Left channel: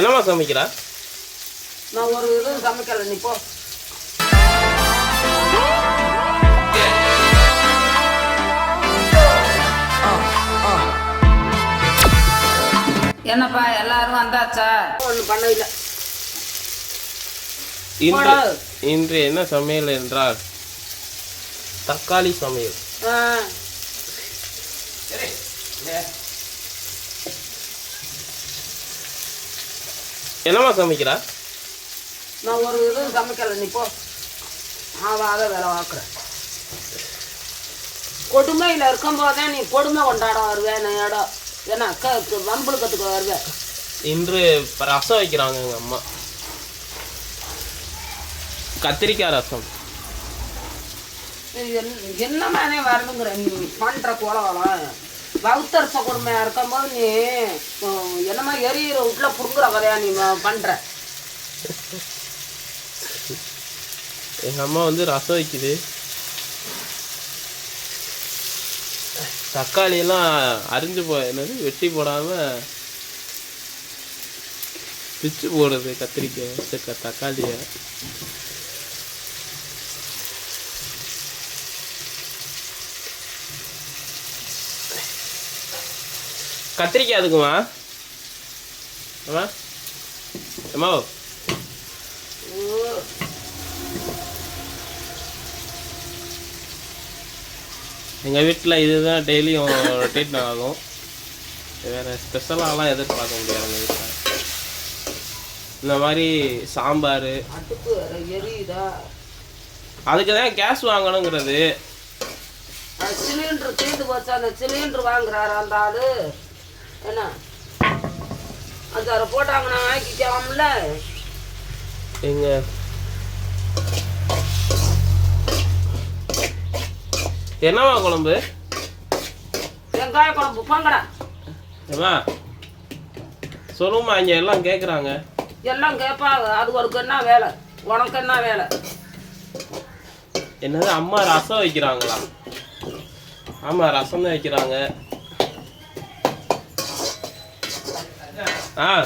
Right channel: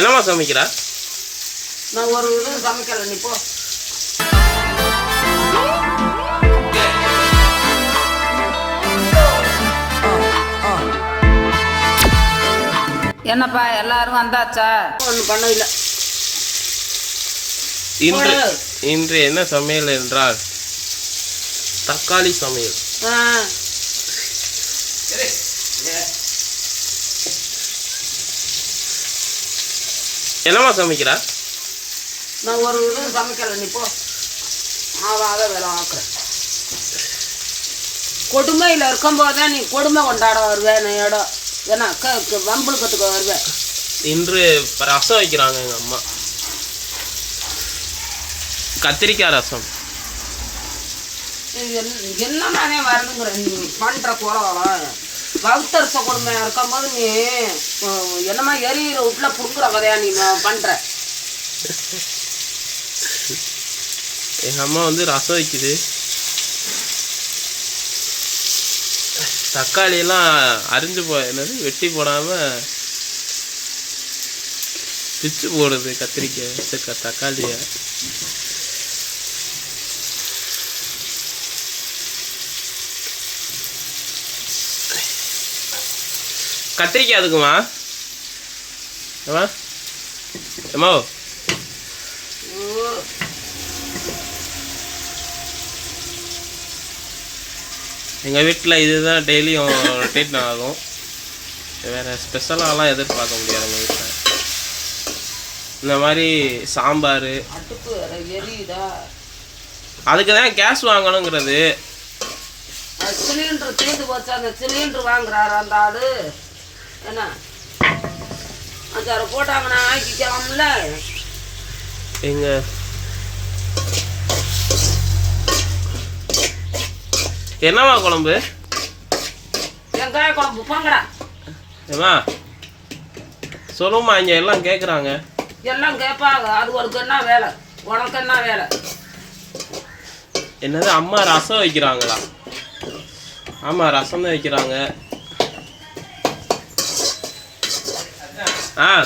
என்னம்மா சமைக்கிறா? நான் ஒரு இதுவும் சமைக்கல நீ போ. என்னப்பா எல்லாரும் வந்தாச்சா? ஒன்றும் பண்ண இல்லை இன்று இன்று என்ன சமையல் என்றால் தக்காளி சமையல். ஆ. என்னம்மா சமைக்கிறா? நான் ஒரு இதுவும் சமைக்கல நீ போ. ஆவாத வேலை பார்க்குறேன் கொடுமையில் இருக்கும்போதே நீ கொடுமை கொண்டாட வருவேன் நான் இடம் ஏன்னா க க- வம்புல கற்றுக்க வருவேன் இன்று ரசம் வைக்கிறாங்க எங்கள் அம்மா. கத்திரிக்காய் ரசம். இது என்ன- என்னமானே வரணுங்கிற? நீ பண்ணுற குலம் வகுத்தரச கொடுமையாக இருக்கும்போது நீ என்னமா எரியிற வீட்டில் புடுங்குற கதையா நீ பண்ணுற எங்கள் அம்மா வந்து ரசம் வைக்குது. தக்காளியெல்லாம் அரிஞ்சு போ என்னது வெட்டி போடாமல் பிச்சு போடுது கத்திரிக்காய் தக்காளியை. கத்திரிக்காய் அதுக்குமா ஏமா எங்கள் வீட்டில் இதுதான் டெய்லியும் ரொட்டேட் ஆகும். வேறு ஸ்பெஷலாலாம் எதிர்பார்க்க முடியாது எங்கள் வீட்டில் இந்த மாதிரி சாம்பார். அதுக்கு தான் கேஸ் வாங்கணுங்கிறது. சிலிண்டர் தீர்ந்து போச்சு. அந்த சிலிண்டர் வாங்குறாரு அந்த ஆளு. என்ன? அஞ்சாறு போட்டாங்கன்னா ஆக்கிக்கலாம்ல. எங்கள் என்னம்மா குழம்பு? வெங்காய குழம்பு போங்கடா. ஏமா சொல்லுமா இங்கே எல்லாம் கேட்குறாங்க எல்லாம் கேட்பாங்க. அது உனக்கு என்ன வேலை? உனக்கு என்ன வேலை? என்னது அம்மா ரசம் வைக்கிறாங்களா? ஆமாம் ரசம் தான் வைக்கிறாங்க. ஆ